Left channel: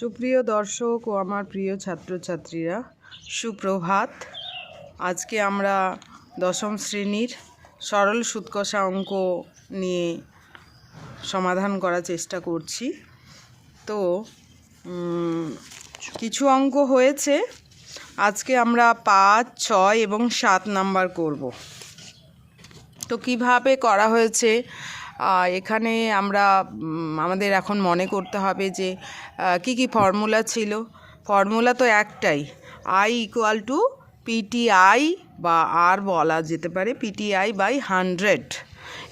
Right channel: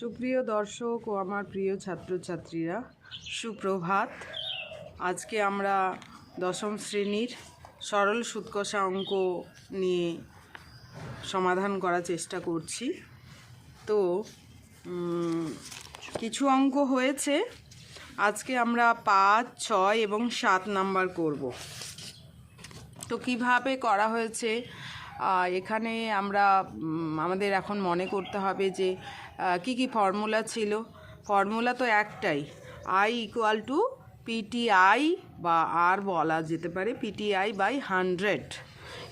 সুপ্রিয় দর্শক ও আমার প্রিয় ছাত্রছাত্রীরা, সুপ্রভাত। আজকে আমরা দশম শ্রেণীর সরল সুদ কষা অঙ্ক নিয়ে সমাধান করার চেষ্টা করছি। তো কিছু অঙ্ক হয়েছে, আজকে আমরা 5, 6 এবং 7 নাম্বার করব। তো কিভাবে করা হয়েছে এখানে আমরা আমাদের এখন মনে করতে হবে যে কি কি ফর্মুলা ছিল। ফর্মুলা তো একটাই, I = PTI বা আর বলা যেতে পারে PTI বাই 100।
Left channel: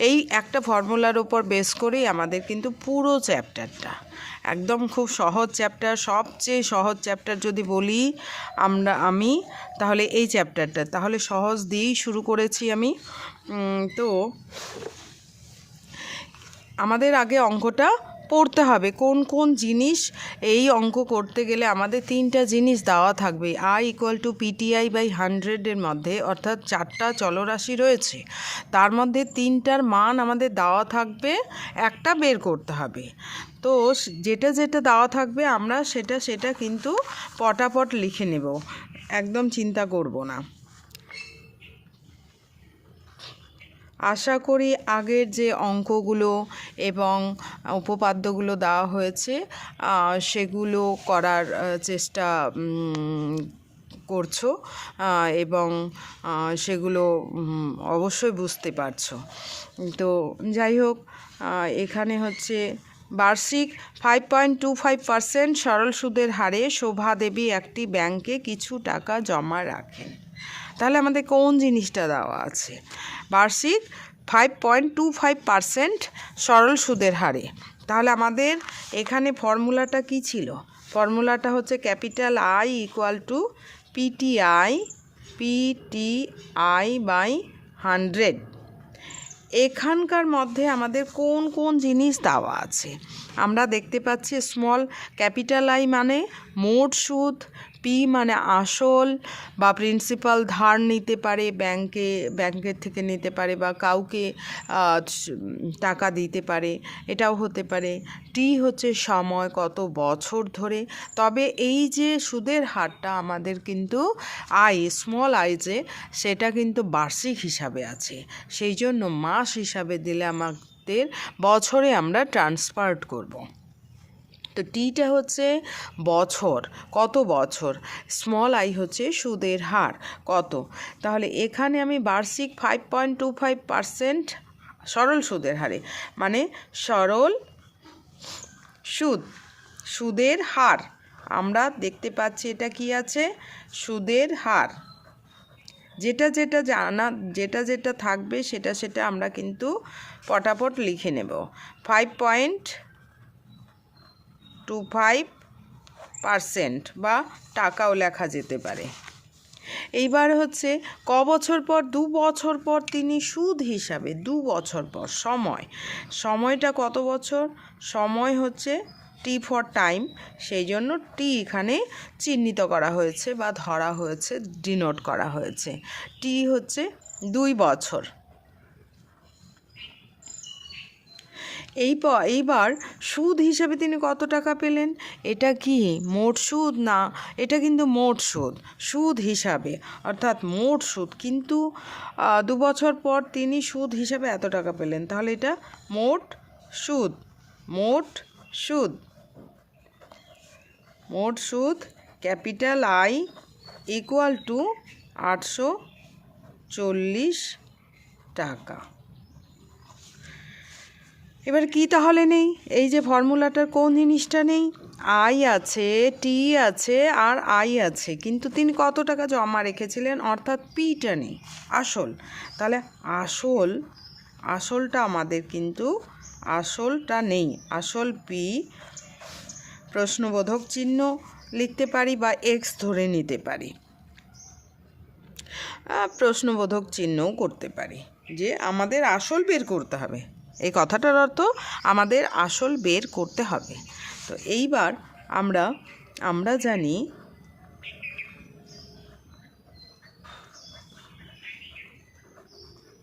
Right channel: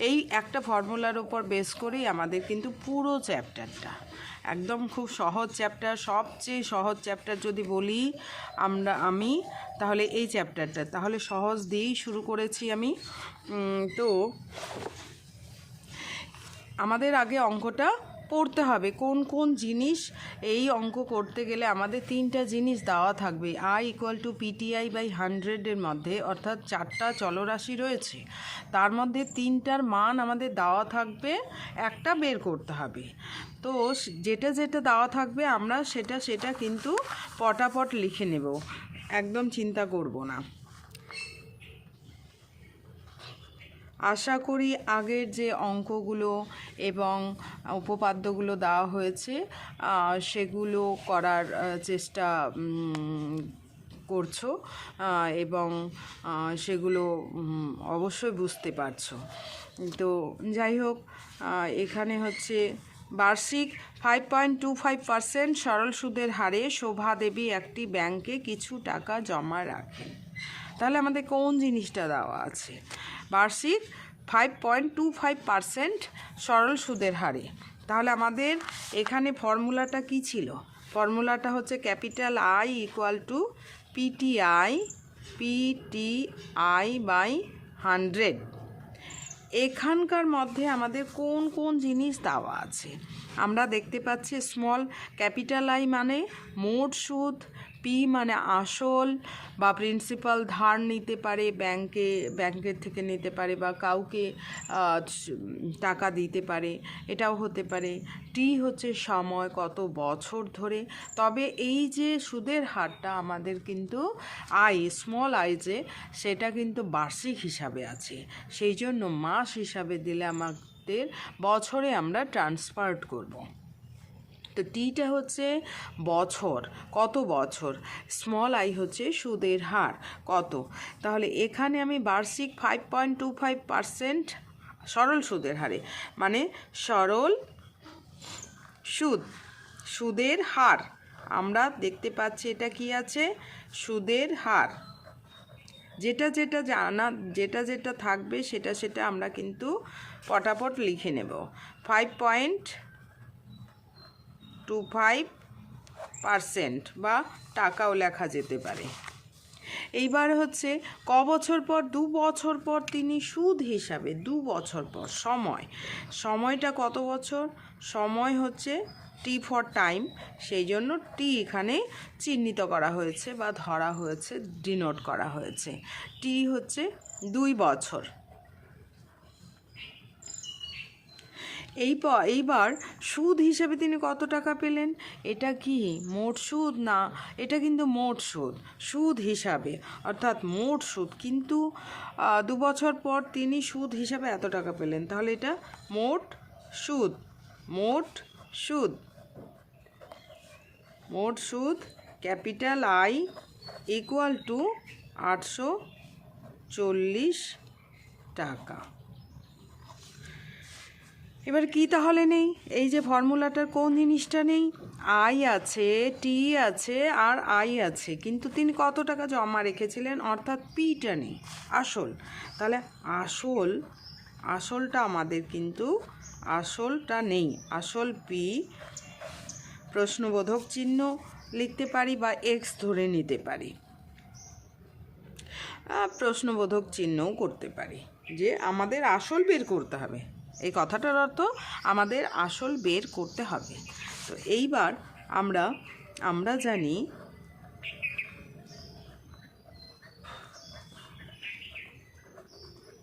এই একটা ফর্মুলার ওপর বেস করেই আমাদের কিন্তু পুরো চ্যাপ্টারটা একদম খুব সহজ চ্যাপ্টার। সবচেয়ে সহজ চ্যাপ্টার যদি বলি আমি তাহলে এই চ্যাপ্টারটা, তাহলে সহজ দিয়েই শুরু করেছি আমি। তো আমাদের আগে অঙ্কটা পড়তে হবে কোন কোন জিনিস। এই অঙ্ক করতে গেলে আমাদের 3টা জিনিস দেওয়া থাকবে। I = PTI বাই 100-এর মধ্যে, অর্থাৎ 4টা চলরাশি রয়েছে, তার মধ্যে 3টার মান আমাদের দেওয়া থাকবে, একটা বের করতে হবে। তো যেটা যেটা দেওয়া থাকবে আমরা সেটা কিন্তু পটাপট লিখে নেব, একদম চিন্তা করব না। আশা করি আগের যে অঙ্কগুলো এবং উপপাদ্যগুলো দেওয়া হয়েছে সেগুলো করার চেষ্টা করছো এবং সেগুলো অবশ্যই বুঝতে পারছো। তো যাই হোক, এখানে হচ্ছে বার্ষিক 5.25% সরল সুদের হারে শোভা দেবী একটি ব্যাংকে কিছু টাকা জমা রাখেন। তাহলে আমাদের কোন জিনিসটা দেওয়া আছে? বার্ষিক 5.25% সরল সুদের হারে। তাহলে আমাদের এখানে ফর্মুলাটা কি ছিল? ফর্মুলাটা হচ্ছে ক্যাপিটাল I = PTI বাই 100। এখানকার মধ্যে আমাদের কোন কোন জিনিস দেওয়া আছে আমরা দেখতে পাচ্ছি। স্মল ক্যাপিটাল I মানে মোট সুদ, P মানে আসল বা প্রিন্সিপাল ধার নিতে পারে, ব্যাংকের থেকে নিতে পারে বা কাউকে টাকা দিতে পারে, এটাও হতে পারে। T হচ্ছে সময়, কত বছর ধরে। তবে এই যে সুদের হারটা আমাদের কিন্তু স্মল I যে, সেটা কিন্তু বার্ষিক হিসাবে আছে, সেই জন্য মাস হিসাবে দিলে আমাদের বছরে আমরা ট্রান্সফার করব। তো টিটা হচ্ছে বছর, কত বছর। স্মল I হচ্ছে সুদের হার কত। তাহলে এখানে আমি বার্ষিক 5.25% সরল সুদের হারে, মানে সরল সুদের হার আমরা দেখতে পাচ্ছি। এটা কি আছে? সুদের হার। যেটা যেটা থাকবে সেটা আমরা কিন্তু পটাপট লিখে নেব। 5.25% বা টাকাও লেখা যেতে পারে। এইবার হচ্ছে ক বছর পর? 2 বছর পর তিনি সুদ হিসাবে, 2 বছর পর। সময়টা কত বছর? সময় হচ্ছে T ফর টাইম, সেই জন্য T এখানে চিহ্নিত করা হয়েছে বা ধরা হয়েছে, ডিনোট করা হয়েছে। T হচ্ছে 2 বছর। এইবার সুদ হিসাবে তিনি কত টাকা পেলেন? এটা কি মোট সুদ? না, এটা কিন্তু মোট সুদ হিসাবে, অর্থাৎ মোট সুদ। কিন্তু 2 বছর পর তিনি সুদ হিসাবে এত টাকা পেলেন, তাহলে এটা মোট সুদ ক্যাপিটাল I = 840 টাকা। এবার কি তাহলে নেই? এই যে ফর্মুলাটার কোন জিনিসটা নেই? I আছে, T আছে আর I আছে, কিন্তু তিনি কত টাকা জমা রেখেছিলেন, অর্থাৎ Pটা নেই, আসল। তাহলে আসলটা আমাদের কিন্তু আসলটা নেই। আসল P, প্রশ্নবোধক চিহ্ন লিখতে পারি বা X ধরে নিতে পারি, প্রশ্নবোধক চিহ্নও করতে পারি যে আমাদের আসল বের করতে হবে। এই কথাটার অর্থ আমাদের আসল বের করতে হবে। তো এইবার আমরা জানি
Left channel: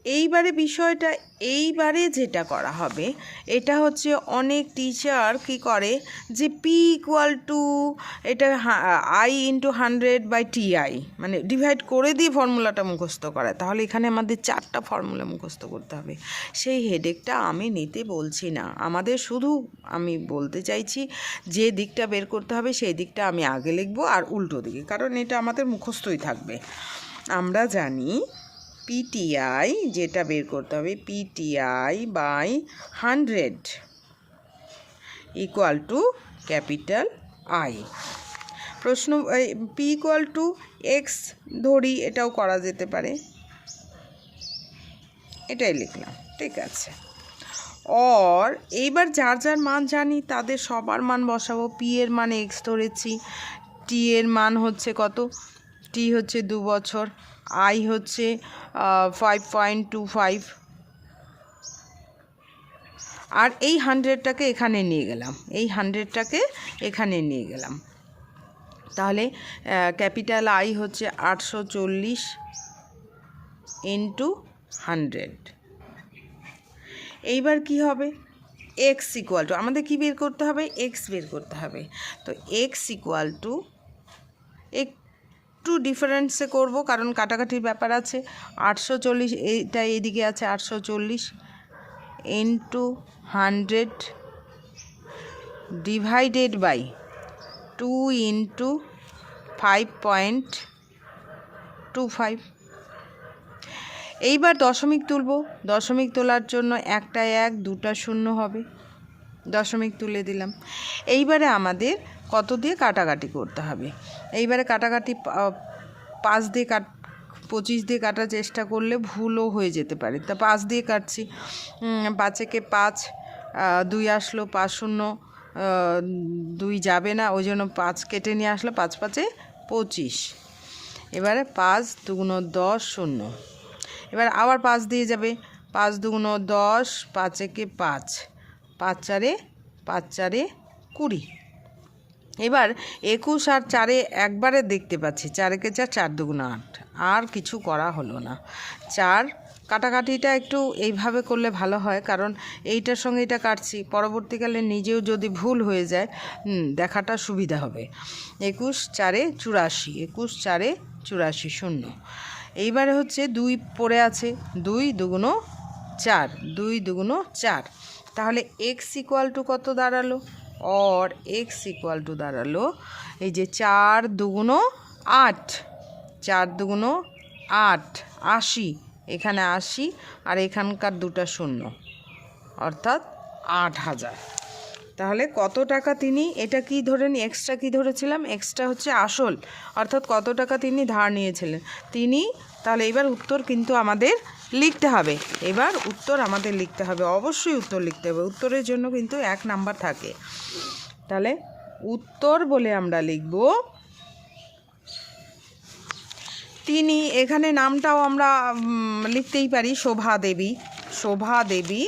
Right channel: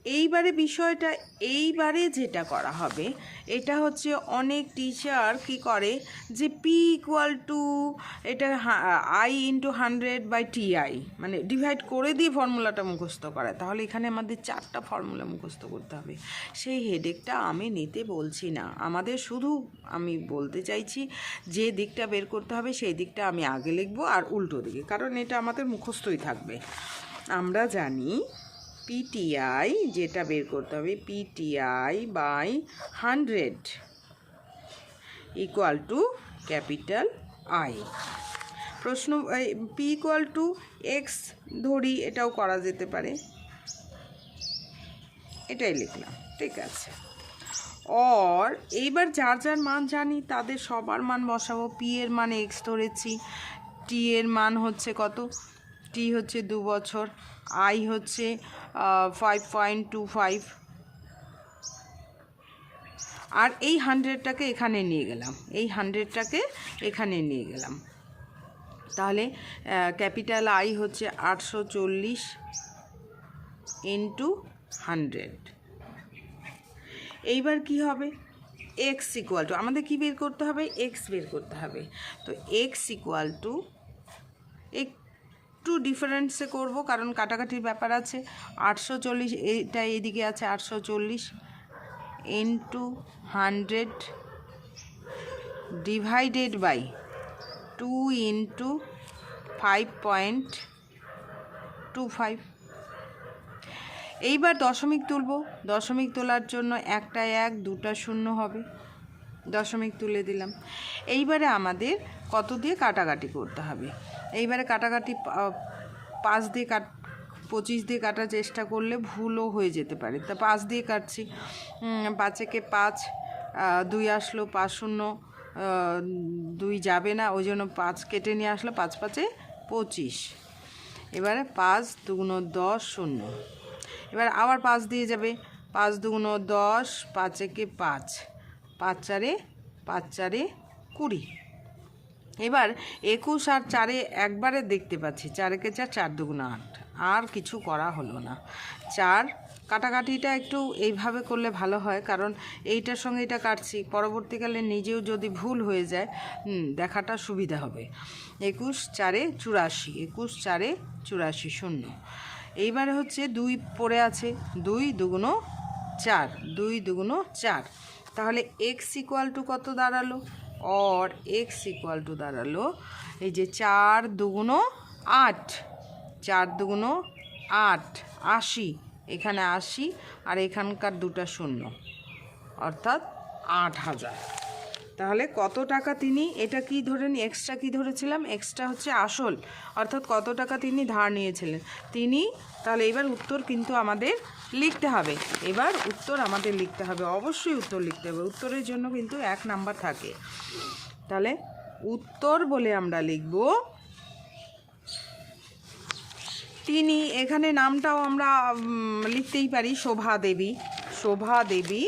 এইবারে বিষয়টা, এইবারে যেটা করা হবে এটা হচ্ছে অনেক টিচার কি করে যে পি ইকুয়াল টু এটা আই ইন্টু 100/TI মানে ডিভাইড করে দিয়ে ফর্মুলাটা মুখস্থ করায়। তাহলে এখানে আমাদের 4টা ফর্মুলা মুখস্থ করতে হবে। সেই হেডেকটা আমি নিতে বলছি না, আমাদের শুধু আমি বলতে চাইছি যে দিকটা বের করতে হবে সেই দিকটা আমি আগে লিখবো আর উল্টো দিকে, কারণ এটা আমাদের মুখস্থই থাকবে। আমরা জানি PTI যেটা বের করতে হবে PTI/100 equal to capital I। প্রশ্ন P ইকুয়াল টু X ধরি, এটাও করা যেতে পারে, এটাই লিখলাম, ঠিক আছে। আর এইবার যার যার মান জানি তাদের সবার মান বসাবো। P এর মান X ধরেছি, T এর মান হচ্ছে কত, T হচ্ছে 2 বছর, I হচ্ছে 5.25, আর এই 100টাকে এখানে নিয়ে গেলাম, এই 100টাকে এখানে নিয়ে গেলাম। তাহলে ক্যাপিটাল I হচ্ছে 840 ইন্টু 100। এইবার কি হবে, X ইকুয়াল টু, আমাদের কি বের করতে হবে, X বের করতে হবে। তো X ইকুয়াল টু, একটু ডিফারেন্সে করব কারণ কাটাকাটির ব্যাপার আছে। 840 এইটা এইদিকে আছে 840 ইন্টু 100 ডিভাইডেড বাই 2 ইন্টু 5.25। এইবার দশমিক তুলব, দশমিক তোলার জন্য একটা 1 দুটা 0 হবে, দশমিক তুলে দিলাম। এইবারে আমাদের কত দিয়ে কাটাকাটি করতে হবে, এইবারে কাটাকাটি 5 দিয়ে 25 দিয়ে কাটার চেষ্টা করলে ভুলও হয়ে যেতে পারে, তা 5 দিয়ে কাটছি। 5 একে 5, 2 আসলো, 5 0, 2 যাবে না, ওই জন্য 5 কেটে নিয়ে আসলো, 5 5 25। এবারে 5 2 10 0, এবার আবার 5 দিয়ে যাবে, 5 2 10, 5 একে 5, 5 4 20। এবার 21 আর 4 একবারে দেখতে পাচ্ছি, 4 একে 4, 4 2 8, আর কিছু করা হলো না। 4 কাটাকাটিটা একটু এইভাবে করলে ভালো হয়, কারণ এইটার সঙ্গে এটা কাটছি, পরবর্তীকালে নিজেও যদি ভুল হয়ে যায় দেখাটা সুবিধা হবে। 21 4 84, 21 4 84 0। এইবারে হচ্ছে 2 পড়ে আছে, 2 2 4, 2 2 4। তাহলে X ইকুয়াল টু কত দাঁড়ালো, और X ইকুয়াল টু দাঁড়ালো এই যে 4 2 8, 4 2 8, 80, এখানে 80 আর এখানকার দুটা 0, অর্থাৎ 8000। তাহলে কত টাকা তিনি, এটা কি ধরেন এক্সট্রা কি ধরেছিলাম, এক্সট্রা হচ্ছে আসল, অর্থাৎ কত টাকা তিনি ধার নিয়েছিলেন তিনি। তাহলে এবার উত্তর কিন্তু আমাদের লিখতে হবে, এবার উত্তর আমাদের লিখতে হবে, অবশ্যই উত্তর লিখতে হবে, উত্তরের জন্য কিন্তু 1 নাম্বার থাকে। তাহলে উত্তর বলে আমরা লিখব তিনি, এখানে নামটাও আমরা লিখতেই পারি শোভা দেবী, শোভা দেবী।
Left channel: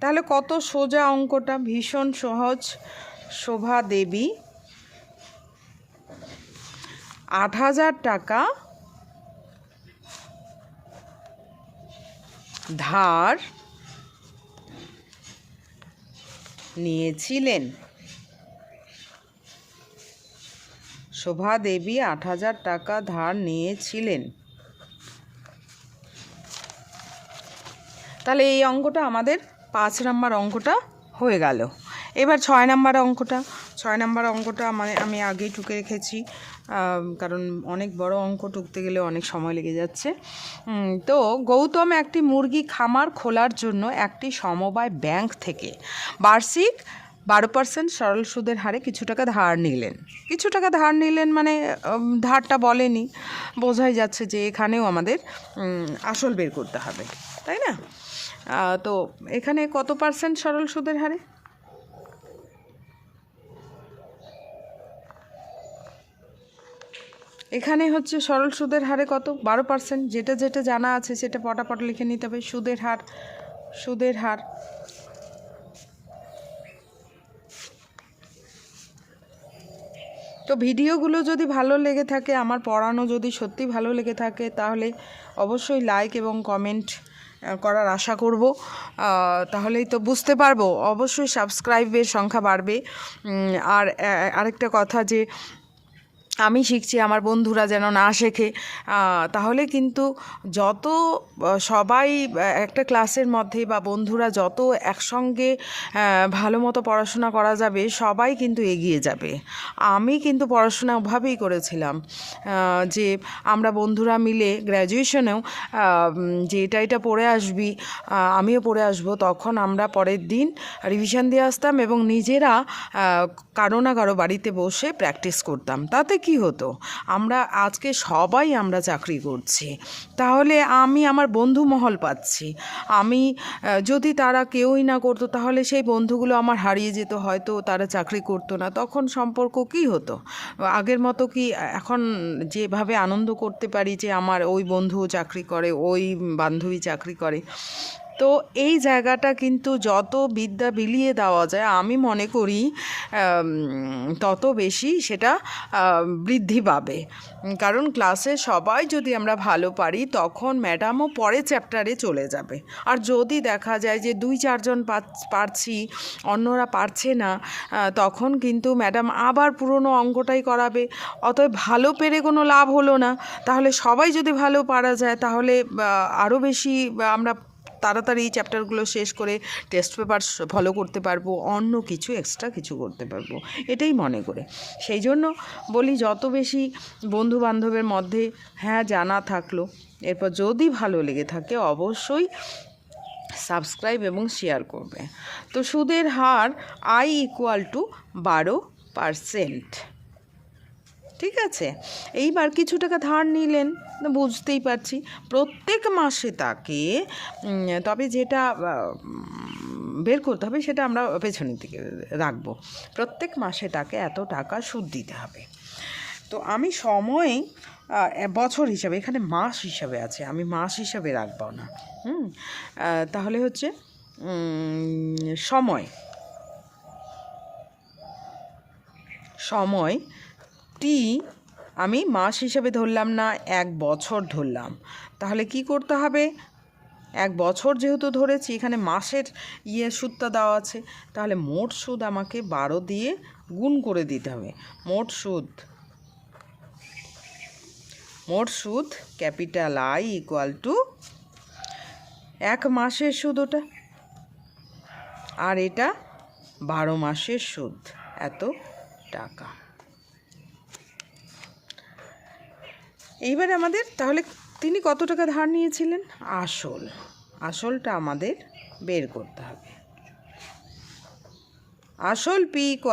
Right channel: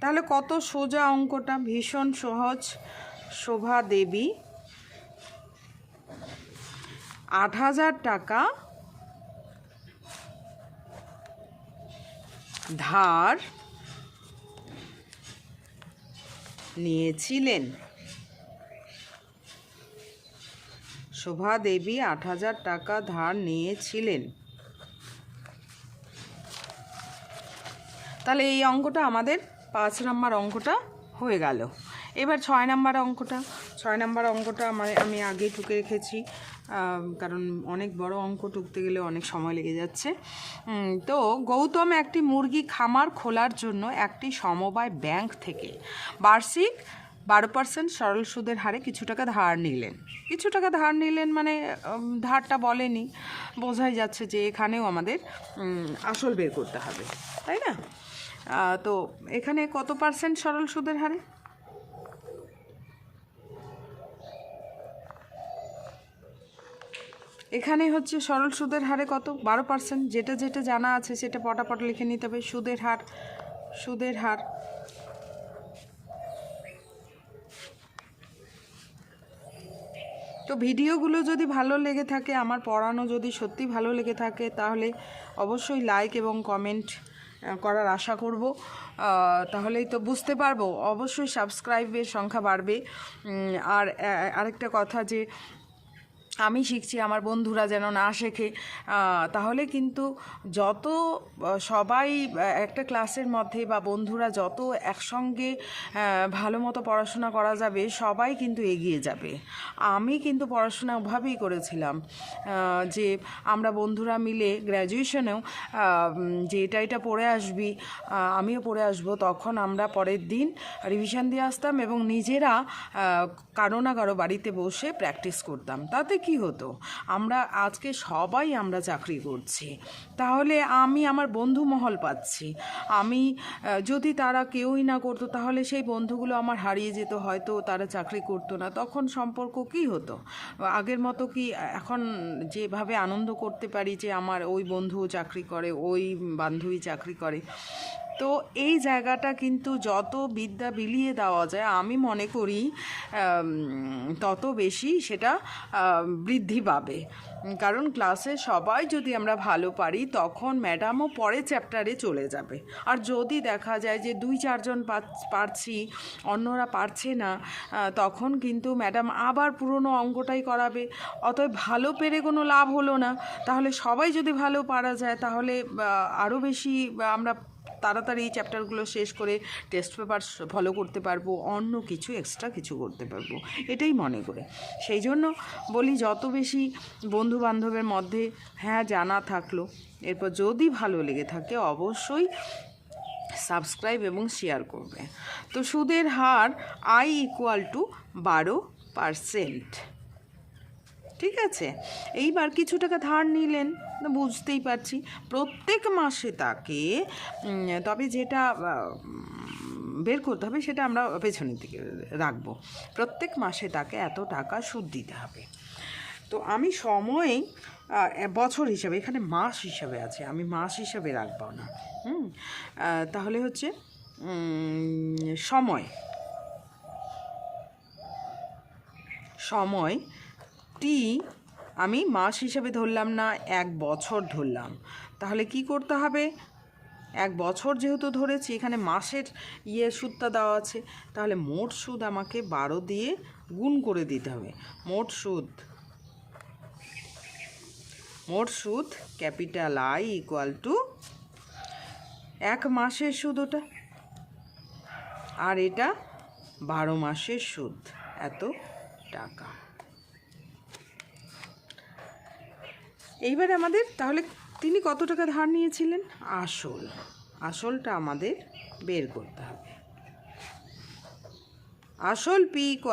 তাহলে কত সোজা অঙ্কটা, ভীষণ সহজ। শোভা দেবী 8000 টাকা ধার নিয়েছিলেন। শোভা দেবী 8000 টাকা ধার নিয়েছিলেন। তাহলে এই অঙ্কটা আমাদের 5 নাম্বার অঙ্কটা হয়ে গেল। এবার 6 নাম্বার অঙ্কটা, 6 নাম্বার অঙ্কটা আমি আগেই টুকে রেখেছি, কারণ অনেক বড় অঙ্ক, টুকতে গেলে অনেক সময় লেগে যাচ্ছে। তো গৌতম একটি মুরগি খামার খোলার জন্য একটি সমবায় ব্যাংক থেকে বার্ষিক 12% সরল সুদের হারে কিছু টাকা ধার নিলেন। কিছু টাকা ধার নিলেন মানে ধারটা বলেনি, বোঝাই যাচ্ছে যে এখানেও আমাদের আসল বের করতে হবে, তাই না? তো এখানে কত পার্সেন্ট সরল সুদের হারে, এখানে হচ্ছে সরল সুদের হারে কত, 12%। যেটা যেটা জানা আছে সেটা পটাপট লিখে নিতে হবে। সুদের হার, সুদের হার তো ভিডিওগুলো যদি ভালো লেগে থাকে, আমার পড়ানো যদি সত্যি ভালো লেগে থাকে, তাহলে অবশ্যই লাইক এবং কমেন্ট করার আশা করব। তাহলেই তো বুঝতে পারবো, অবশ্যই সাবস্ক্রাইবের সংখ্যা বাড়বে। আর আরেকটা কথা, যে আমি শিখছি, আমার বন্ধুরা যেন না শেখে, তাহলে কিন্তু যত সবাই একটা ক্লাসের মধ্যে বা বন্ধুরা যত একসঙ্গে ভালো মতো পড়াশোনা করা যাবে, সবাই কিন্তু এগিয়ে যাবে। আমি কিন্তু পড়াশোনা ওভাবেই করেছিলাম, যে আমরা বন্ধুরা মিলে গ্র্যাজুয়েশনেও যে এটা পড়ে আসবি, আমিও পড়ে আসবো, তখন আমরা পরের দিন রিভিশন দিয়ে আসতাম এবং নিজেরা কারো না কারো বাড়িতে বসে প্র্যাকটিস করতাম। তাতে কি হতো, আমরা আজকে সবাই আমরা চাকরি করছি, তাহলে আমি আমার বন্ধু মহল পাচ্ছি। আমি যদি তারা কেউই না করতো, তাহলে সেই বন্ধুগুলো আমার হারিয়ে যেত, হয়তো তারা চাকরি করতো না, তখন সম্পর্ক কি হতো? আগের মতো কি এখন যেভাবে আনন্দ করতে পারি যে আমার ওই বন্ধুও চাকরি করে, ওই বান্ধবী চাকরি করে? তো এই জায়গাটা কিন্তু যত বিদ্যা বিলিয়ে দেওয়া যায়, আমি মনে করি তত বেশি সেটা বৃদ্ধি পাবে। কারণ ক্লাসে সবাই যদি আমরা ভালো পারি, তখন ম্যাডামও পরে চ্যাপ্টারে চলে যাবে। আর যদি দেখা যায় যে 2-4 জন পারছি, অন্যরা পারছে না, তখন কিন্তু ম্যাডাম আবার পুরনো অঙ্কটাই করাবে। অতএব ভালো পেরে কোনো লাভ হলো না। তাহলে সবাই যদি ভালো পারা যায়, তাহলে আরও বেশি আমরা তাড়াতাড়ি এই চ্যাপ্টারগুলো শেষ করে টেস্ট পেপার ফলো করতে পারবো, অন্য কিছু এক্সট্রা কিছু করতে পারবো, এটাই মনে করে। সেই জন্য বলি, যত বেশি বন্ধু বান্ধবের মধ্যে জানা থাকলো, এরপর যদি ভালো লেগে থাকে অবশ্যই সাবস্ক্রাইব এবং শেয়ার করবে। তো সুদের হার I = 12%। ঠিক আছে, এইবার কিছু টাকা ধার নিলেন, বুঝতেই পারছি প্রত্যেক মাসে তাকে, তবে যেটা বের করতে হবে সেটা আমরা পেছনের দিকে রাখবো। প্রত্যেক মাসে তাকে এত টাকা সুদ দিতে হবে। তো আমি সময় বছর হিসাবে, এখানে মাস হিসাবে আছে, আমি মাস হিসাবে রাখবো না। তাহলে হচ্ছে সময় টি আমি মাস হিসাবে ধরলাম না, 1 বছর ধরলাম। তাহলে কি করতে হবে, 1 বছর যেহেতু ধরেছি, এখানে মাসের সুদটা দেওয়া আছে, তাহলে মোট সুদ আমাকে 12 দিয়ে গুণ করে দিতে হবে। মোট সুদ ক্যাপিটাল I = 1 মাসের সুদ ওটা, আর এটা 12 মাসের সুদ, এত টাকা। এইবার আমাদের তাহলে তিনি কত টাকা ধার নিয়েছিলেন, আসলটা আমাদের বের করতে হবে। আসল P =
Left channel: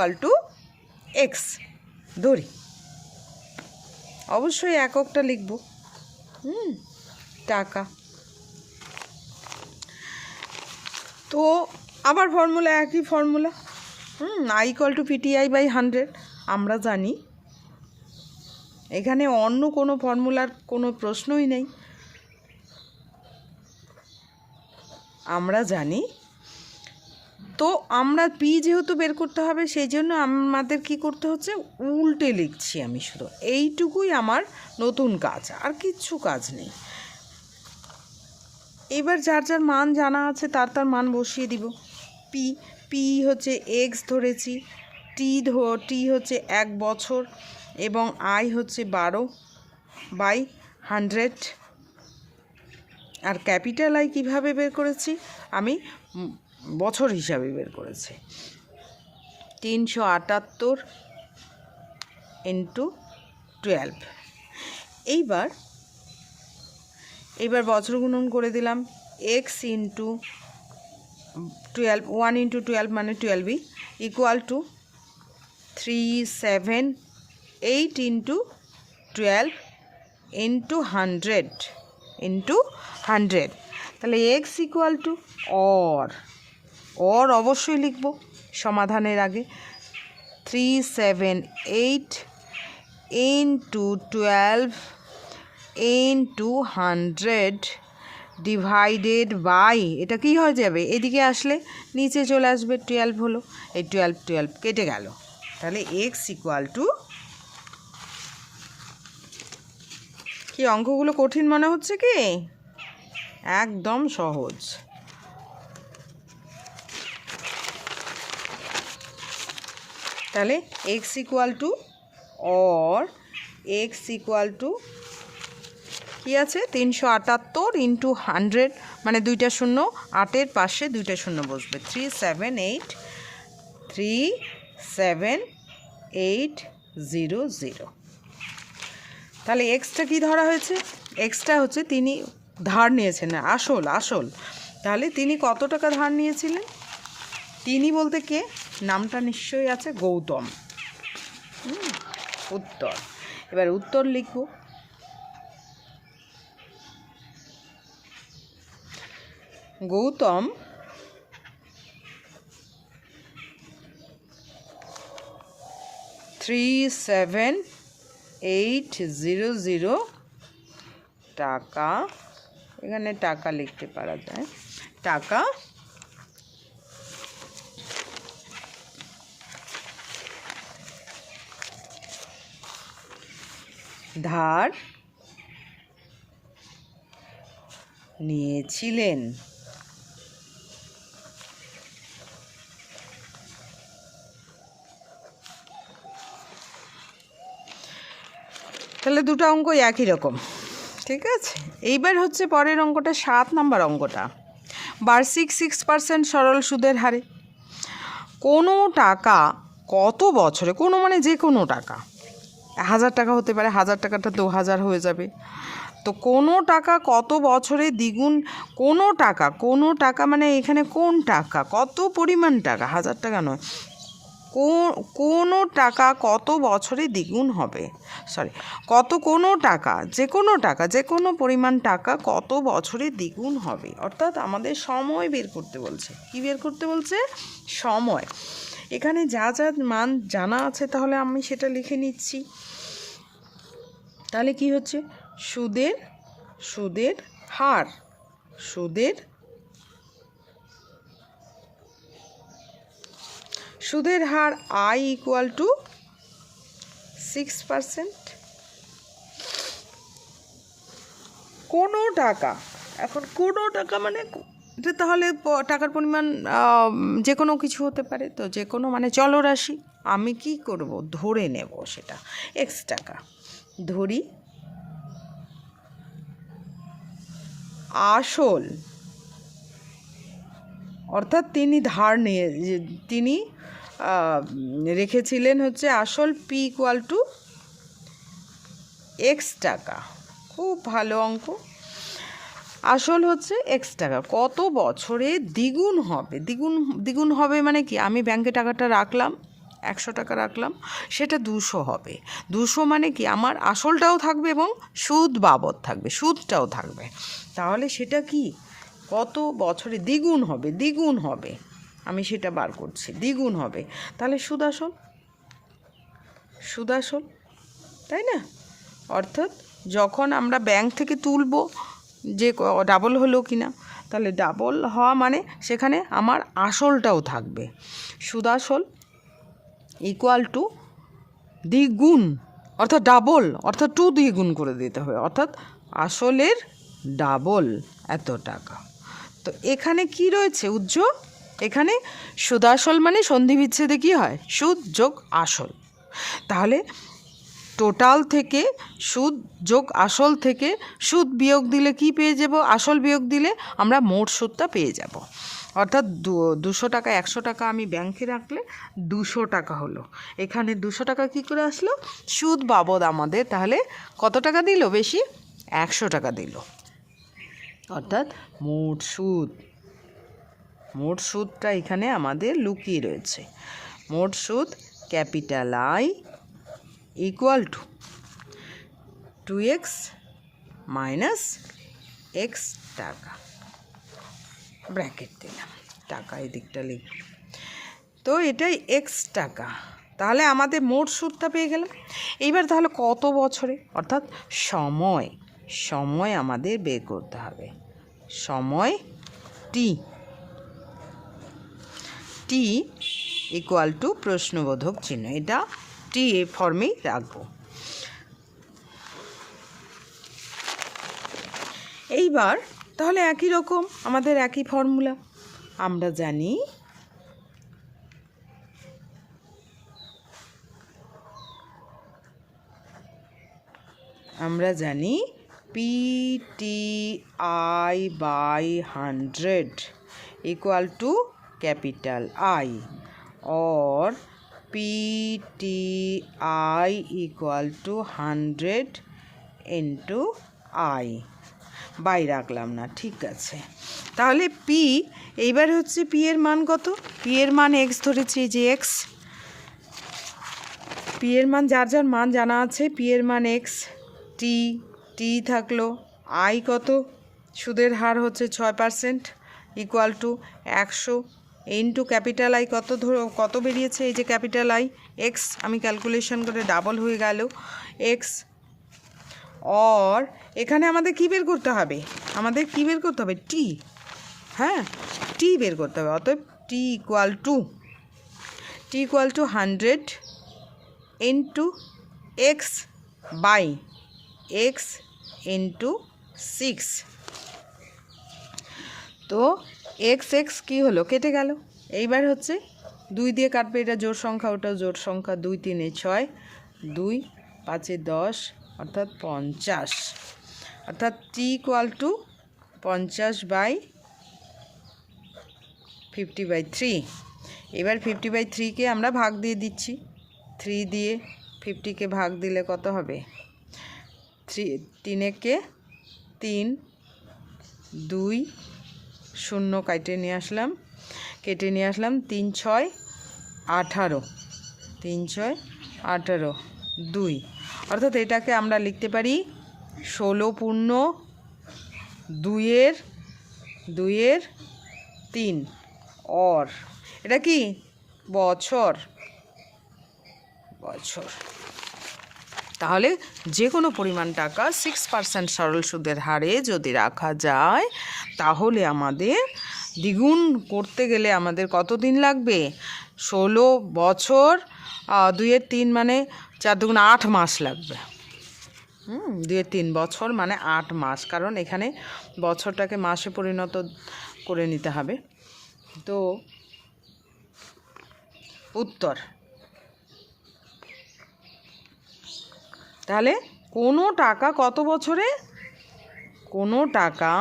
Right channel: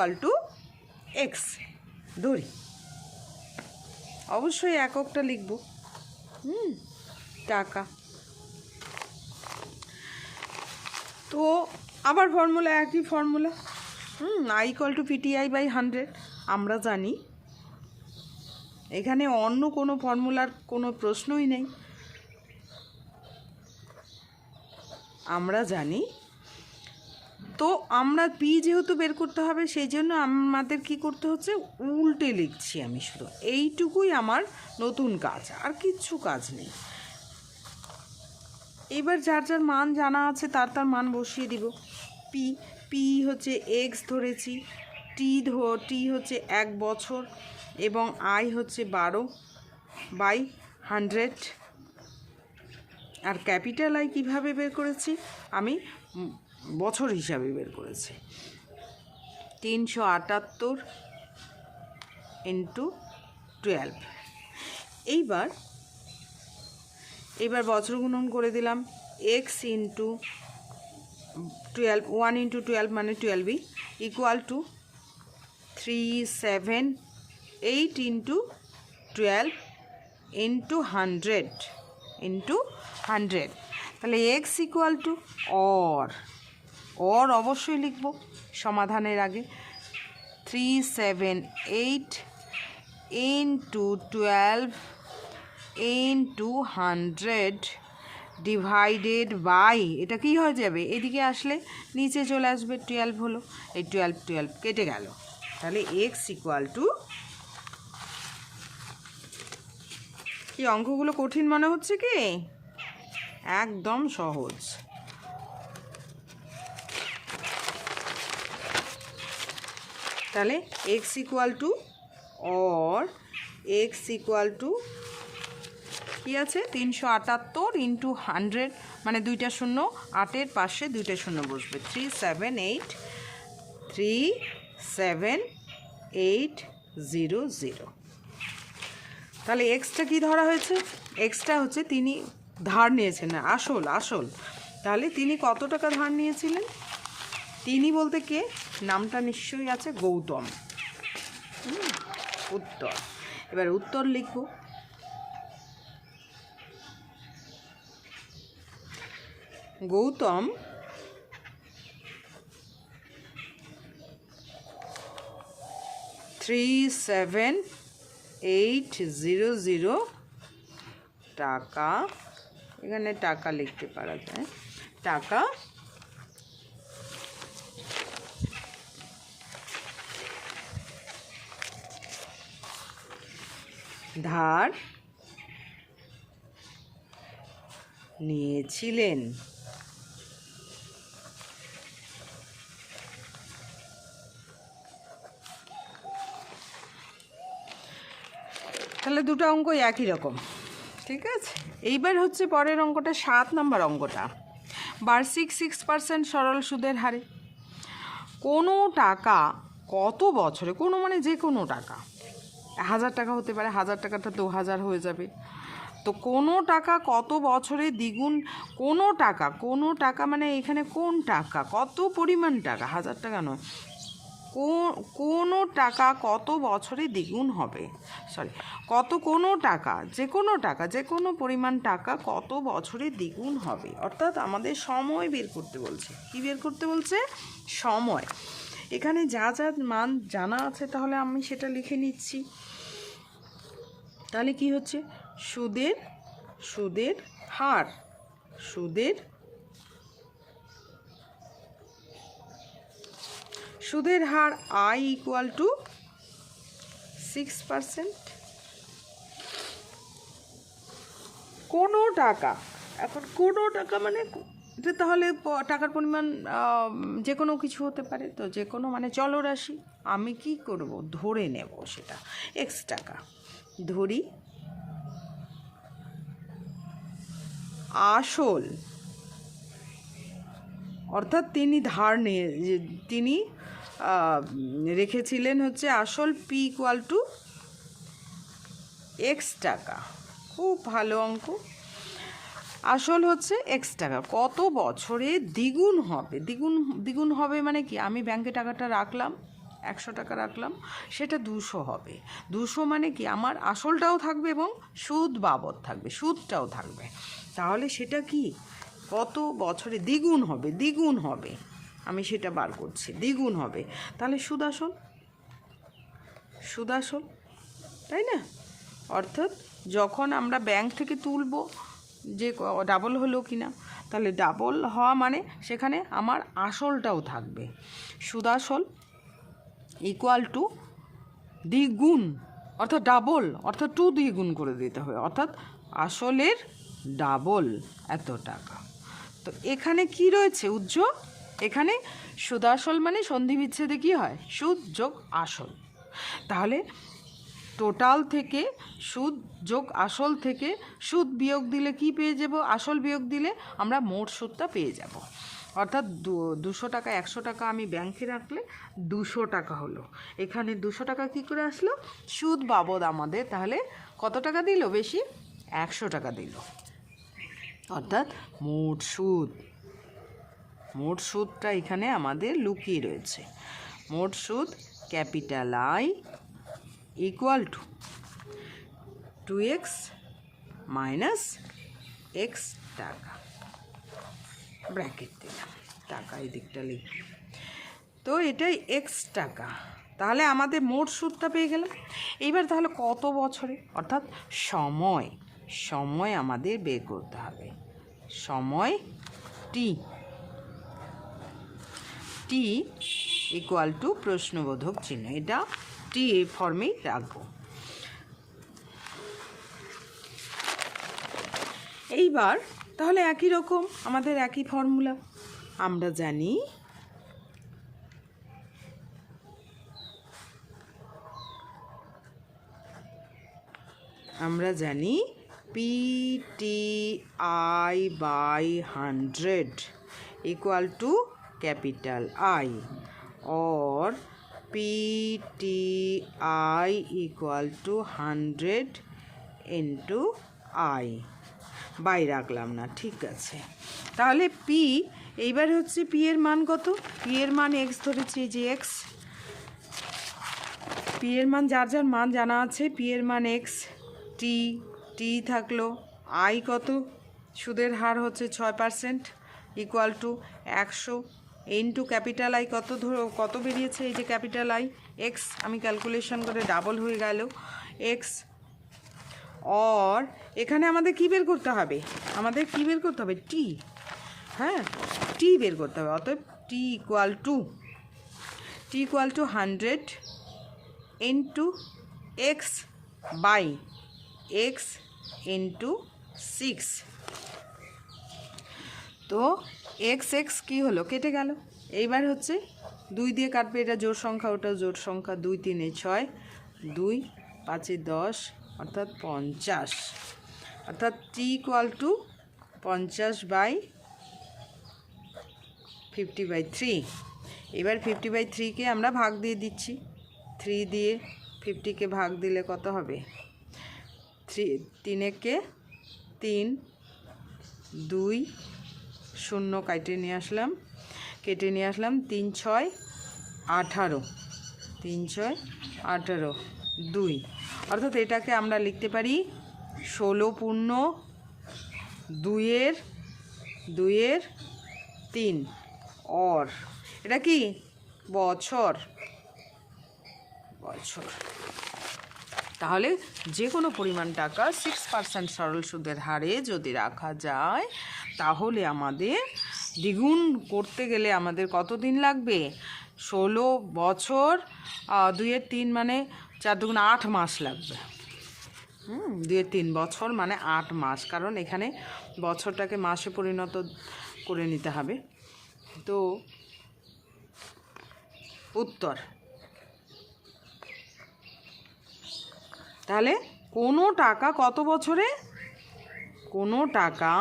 X ধরি, অবশ্যই এককটা লিখব, টাকা। তো আবার ফর্মুলা, একই ফর্মুলা, I = PTI/100। আমরা জানি এখানে অন্য কোনো ফর্মুলার কোনো প্রশ্নই নেই, আমরা জানি। তো আমরা পি যেহেতু বের করতে হবে, সেই জন্য আমাদের কি করতে হচ্ছে, উল্টে লিখছি আমি শুধু, এইটুকুই আমার নতুন কাজ, আর কিচ্ছু কাজ নেই। এবার যার যার মান জানা আছে তার মান বসিয়ে দিব। পি হচ্ছে X ধরেছি, টি হচ্ছে 1 বছর, এবং I হচ্ছে 12/100। আর ক্যাপিটাল I কীভাবে বের করেছি, আমি বছর হিসাবে বের করেছি, 378 × 12। এইবার বছর গুণন করে দিলাম, X × 12, 1 × 12 মানে 12 = 378 × 12 × 100 তাহলে X = অর অবশ্যই লিখব সমাধানের আগে, 378 × 12 × 100 ডিভাইডেড বাই, এটা কি হয়ে যাবে, এদিকে আসলে নিচে চলে আসবে, 12 হলো, এই 12 কেটে গেল, তাহলে X = কি অঙ্কগুলো কঠিন মনে হচ্ছে কি? একদম সহজ। তাহলে x equal to or x equal to কী আছে 378 ইন্টু 100 মানে 2টা শূন্য, 8-এর পাশে 2টা শূন্য বসবে, 378,37,800। তাহলে এক্সটা কি ধরা হয়েছে? এক্সটা হচ্ছে তিনি ধার নিয়েছেন, না আসল। তাহলে তিনি কত টাকা ধার নিয়েছিলেন? তিনি বলতে কে? নামটা নিশ্চয়ই আছে, গৌতম। উত্তর। এবার উত্তর লিখব। গৌতম 37,800 টাকা, এখানে টাকা লিখতে পারা যায়, টাকা ধার নিয়েছিলেন। তাহলে দুটো অঙ্ক একই রকম, ঠিক আছে। এইবার হচ্ছে পরের অঙ্কটা, 7 নম্বর অঙ্কটা। বার্ষিক 6% সরল সুদের হারে কোনো টাকা কত বছরে, কোনো মানে যে কোনো টাকা, 1000 টাকা হতে পারে, 1000 টাকাটা 2000 হয়ে যাবে। তো কোনো টাকা কত বছরে দ্বিগুণ, কোনো টাকা মানে এখানে কোন টাকা, কত পরিমাণ টাকা, 1000 টাকা নয়, কোনো টাকা কত বছরে দ্বিগুণ হবে, কোনো টাকা যে কোনো পরিমাণ টাকা কত বছরে দ্বিগুণ হবে। অর্থাৎ আমাদের সময় বের করতে বলছে। কি বের করতে বলছে? সময়। এখানে যা যা মান জানা আছে তাহলে আমি সেটা লিখে নিচ্ছি। তাহলে কি হচ্ছে? সুদের হার, সুদের হার I ইকুয়াল টু 6%। কোনো টাকা, এখন কোনো টাকা মানে এটা তাহলে টাকার পরিমাণ যে কোনো কিছু হতে পারে, তো যে কোনো মানে চলরাশি। আমি কি করব? ধরে নেব সেটা এক্স টাকা, ধরি আসল, অর্থাৎ তিনি ধার নিয়ে তিনি রেখেছিলেন হচ্ছে আসল পি ইকুয়াল টু এক্স টাকা। খুব ভালো অঙ্ক। আসল হচ্ছে এক্স টাকা, কত বছরে দ্বিগুণ হবে? দ্বিগুণ হবে মানে কি? আমি ব্যাংকে টাকাটা রাখলাম, 100 টাকা রাখলাম, সেটা 200 হবে। 200 মানে কি? আমার আসলটাও থাকবে এবং সুদ বাবদ থাকবে, সুদটাও থাকবে। তাহলে সেটা কি কত বছরে দ্বিগুণ হবে, আমি সেটা বার করছি, দ্বিগুণ হবে। তাহলে সুদ আসল, তাই না? অর্থাৎ যখন আমরা ব্যাংক থেকে তুলব, যে ডাবল হলো কি না, তাহলে ডাবল হওয়া মানে সেখানে আমার আসলটাও থাকবে। সুদ আসল ইকুয়াল টু দ্বিগুণ, অর্থাৎ ডাবল, অর্থাৎ 2 দিয়ে গুণ করে দিতে হবে, অর্থাৎ আসলের ডাবল এত টাকা। তো এখানে কি রয়েছে? এখানে সুদ আসল মানে সন্ধি বিচ্ছেদে কী হয়? সুদ যোগ আসল। তাহলে টোটাল থেকে সুদ যোগ আসল থেকে সুদ বিয়োগ দিলে কি পেয়ে যাব? আসল বিয়োগ দিলে আমরা মোট সুদটা পেয়ে যাব। অর্থাৎ 200 টাকা, 100 টাকা আমি ব্যাংকে রাখলে 200 টাকা হলো। এখানে 200 টাকা কী করে আসলো? সুদ বাবদ আমাদের তাহলে কত টাকা দিল? বেশি 100 টাকা দিল। অর্থাৎ মোট সুদটা এখানে আমাদের লুকিয়ে রয়েছে। মোট সুদ capital I equal to 2x minus x টাকা, ব্র্যাকেট দিলাম, টাকা এই দিকটা লিখব। তো এটাই x টাকা। তাহলে আমাদের মোট সুদটা পেয়ে গেলাম। এইবার তাহলে কত বছরে, অর্থাৎ সময় আমাদের বের করতে হবে। সময় t ইকুয়াল টু প্রশ্নবোধক চিহ্ন, এটা টি এ ফর্মেই রাখবো। এইবার তাহলে একই রকম আমাদের একই ফর্মুলা। আমরা জানি PTI/100 equal to capital I, or PTI equal to 100 into I by রাখলাম না, ঠিক আছে। তাহলে পি, এইবার হচ্ছে পি এর মান কত? পি এর মান এক্স ধরেছি, যে এক্স, পি এর মান যার যার মান জানা আছে, পি এর মান এক্স, টি থাকলো, আই কত, সুদের হার হচ্ছে 6%, equal to 100 into capital I কত বেরিয়েছে, এই যে ক্যাপিটাল আই এক্স, আমি ক্যালকুলেশন করে ডাবল হয়ে গেল এক্স। और এখানে আমাদের কি বের করতে হবে? টি, হ্যাঁ টি বের করতে হবে। অতএব t equal to 100 into x by x into 6। তো এক্স কী হলো, কেটে গেল। এইবার হচ্ছে 2 দিয়ে কাটবে, এটা জোড় সংখ্যা, ওটাও জোড় সংখ্যা, 2 3 6, 2 5 10, অর্থাৎ 50, অর্থাৎ টি ইকুয়াল টু 50/50/3। এবার 50/3কে আমরা ভাগ দিয়ে দিচ্ছি, 3 দিয়ে 50কে ভাগ দিলে কত হবে? 3 × 3, 2 0 কেটে নিয়ে আসলাম, 3 6 18, 3 6 18, 2, অর্থাৎ এটাকে আমরা লিখতে পারি 16 পূর্ণ 2 এর 3, और এটা কি বছর। তাহলে যে কোনো পরিমাণ টাকা 6% সরল সুদের হারে যদি রাখা যায়, তাহলে আমাদের দ্বিগুণ করতে গেলে আমাদের কত দিন লাগবে? 16 বছর, 2 এর 3 মানে 4 দুগুণ 8 মাস লাগবে। 2 এর 3 বছর মানে 8 মাস, কারণ এখানে বছরটাকে মাসে পরিণত করে নিতে হবে। তো উত্তর, তাহলে কোনো টাকা কত বছরে? কোনো টাকা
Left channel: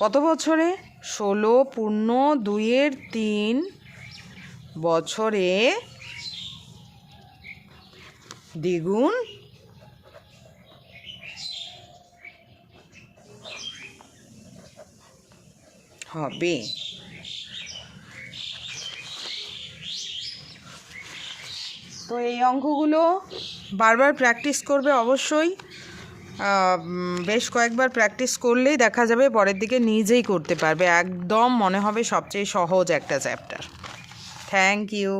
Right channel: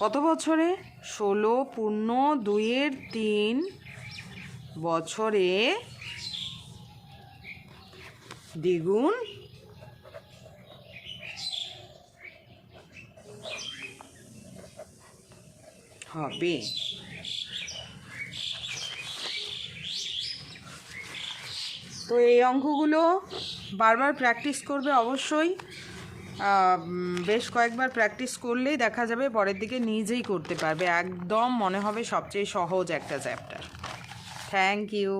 কত বছরে? 16 পূর্ণ 2 এর 3 বছরে দ্বিগুণ হবে। তো এই অঙ্কগুলো বারবার প্র্যাকটিস করবে অবশ্যই, বেশ কয়েকবার প্র্যাকটিস করলেই দেখা যাবে পরের দিকে নিজেই করতে পারবে, একদম মনে হবে সবচেয়ে সহজ একটা চ্যাপ্টার। Thank you.